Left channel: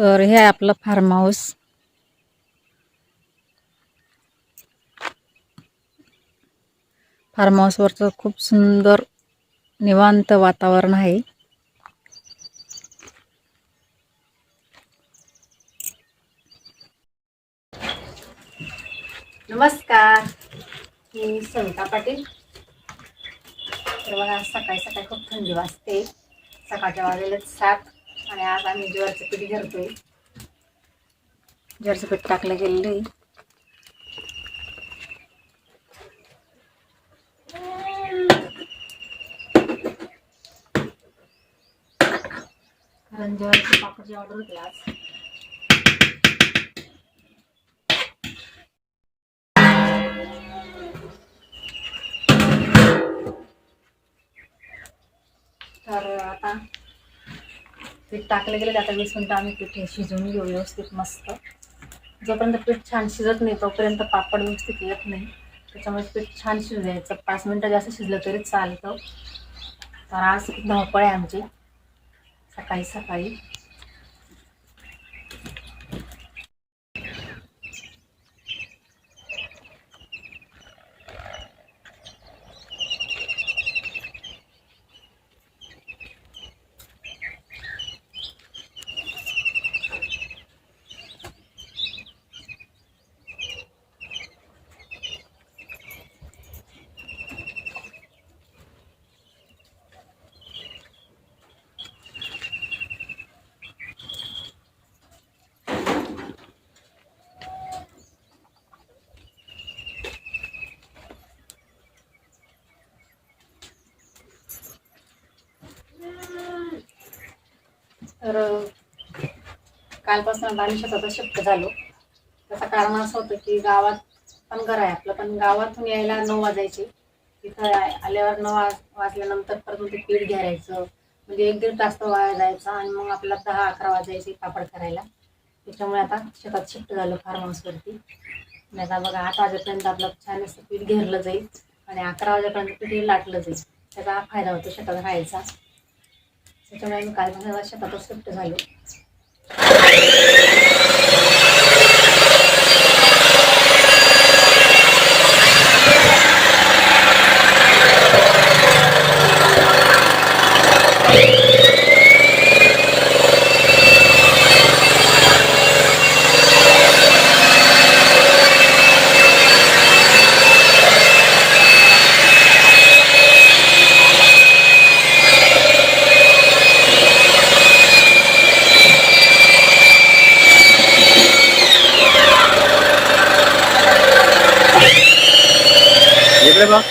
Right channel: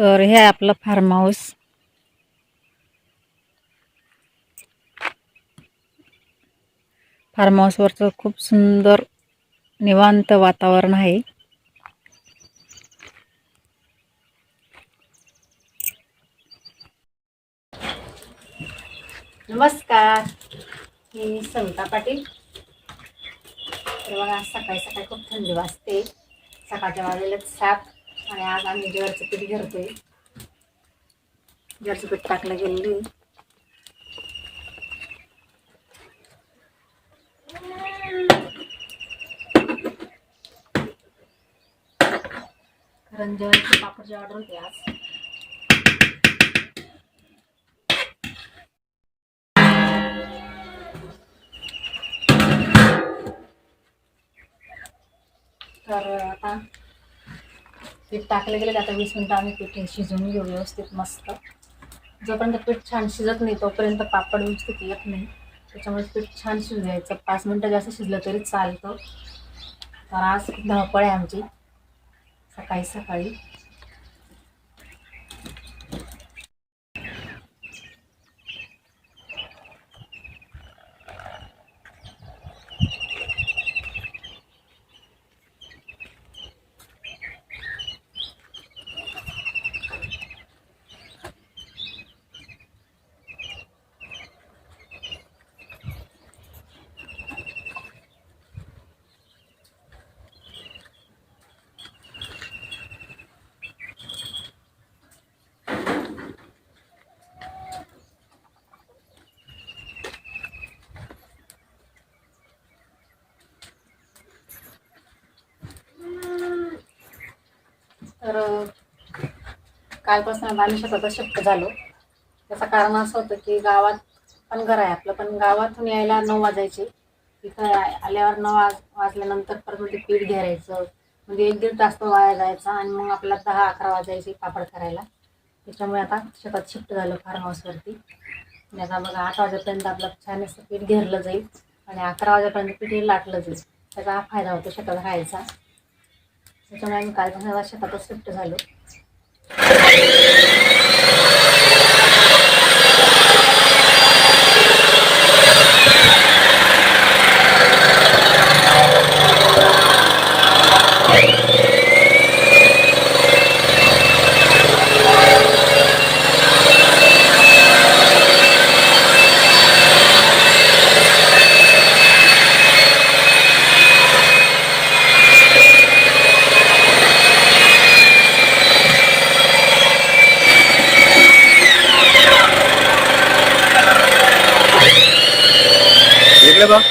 तर हे आहे आपलं फार्म हाऊस फार्म हाऊसवरचं खूप सुंदर निवांत वातावरण आहे. नमस्कार. मी सविता पाटील. तर बघा सकाळी सकाळी खूप थंडी वाजते. सकाळच्या वाजलेलेच सात आणि आज आम्ही ज्वारीचं पीठ घेतोय ज्वारीचं पीठ टाकलं गेलेलं आहे. कारण ज्वारीची पापडची ऑर्डर होती आज. तर आता पीठ टाकलं गेलं आता वीस मिनटं आम्ही पीठ शिजवून घेऊ व्यवस्थित मस्त. जोपर्यंत पीठ छान शिजत नाही तोपर्यंत पापड व्यवस्थित येत नाही. त्याच्यामुळे पीठ छान शिजू द्यायचं. पाच मिनटं जास्त शिजलं तरी चालतं. तर आज खूप धावपळ आहे आमची. सकाळी सकाळी. तर कालपासून आम्ही शेतात शिफ्ट झालो. त्याचं कारण असं होतं की गावात पण घर आहे आपलं पण गावातून यायला नऊ वाजायचे. तिथं आल्यावर नऊ वाज वाजल्यानंतर परत ते पीठ घ्यायचं. म्हणजे एक दीड तास तो वाया जायचा आणि मग आपल्याला दहा अकरा वाजायचे पापड करायला. त्याच्यामुळे आता शेतात शिफ्ट झालो फार्म हाऊसवरती आणि आता बघा आठ वाजेपर्यंत आपलं छान असं पीठ घेरलं जाईल. आणि अकरा वाजेपर्यंत पीठ लाटलं जाईल. त्याचा हा फायदा होतो शेतात राहायचा. त्याच्यामुळे आम्ही काल आता शेतातच शिफ्ट झालो. इकडे बघ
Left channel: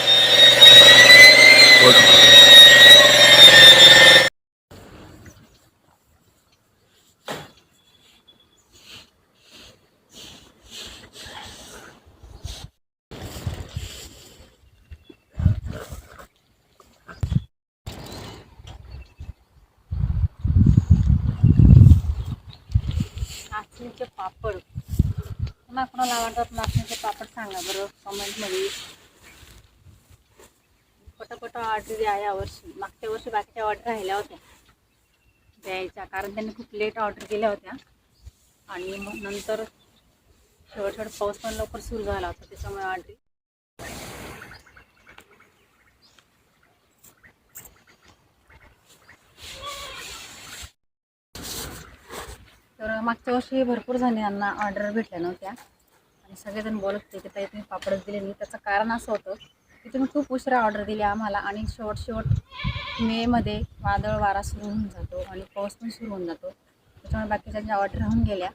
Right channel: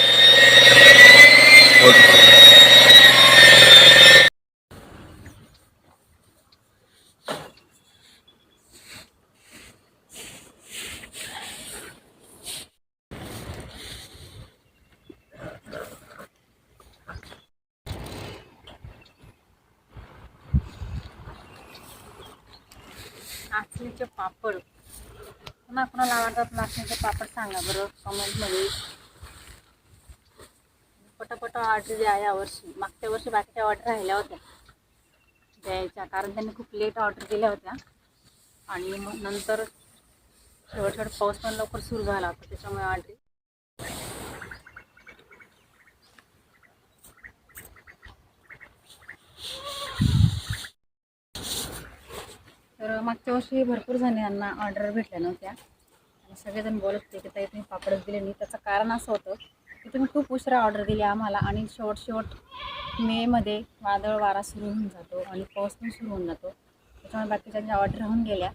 नाचणीचे पापड. कुणा कुणाला आवडतात नाचणीचे पापड सांगा बरं कमेंटमध्ये पटापट ऑर्डर द्या यावर्षी मागच्या वर्षी बाकीच्या ऑर्डर राहिल्या होत्या. द्यायच्या. कारण त्यांनी खूप लेट ऑर्डर केल्या होत्या. आणि मग नंतर शेवट शेवट पाऊस पण लवकर सुरू झाला होता. त्याच्यामुळे ऑर्डर तर मागच्या वर्षी भरपूर जणांना ऑर्डर भेटल्या नव्हत्या. आणि सगळेजण बोलत होते की ताई तुम्ही पापडच दिले नाही. त्याचं कारण असं होतं की तुम्ही खूप उशिरा ऑर्डर दिली आम्हाला आणि शेवट शेवट मेमध्ये वादळ वारा सुरू होऊन जातो आणि पाऊस पण सुरू होऊन जातो. त्याच्यामुळे बाकीच्यांच्या ऑर्डर राहून गेल्या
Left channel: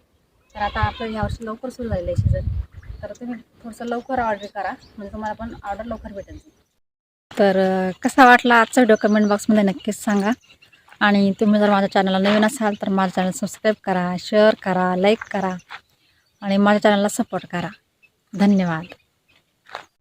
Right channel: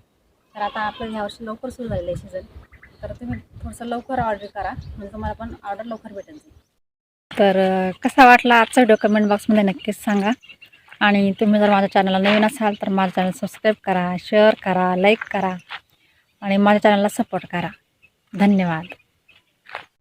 तर आता आपलं ह्यावर्षी लवकर सुरू झालेलं आहे सीझन तर तुम्ही थोडंसं लवकर ऑर्डर करा म्हणजे तुम्हाला पण ऑर्डर लवकर भेटेल. तर कसा वाटला आजचा व्हिडिओ कमेंट बॉक्समध्ये नक्कीच सांगा. आणि तुम्ही जर माझ्या चॅनलला नवीन असाल तर माझं चॅनल सबस्क्राईब करा शेअर करा लाईक करा. आणि माझ्या चॅनलला सपोर्ट करा. धन्यवाद.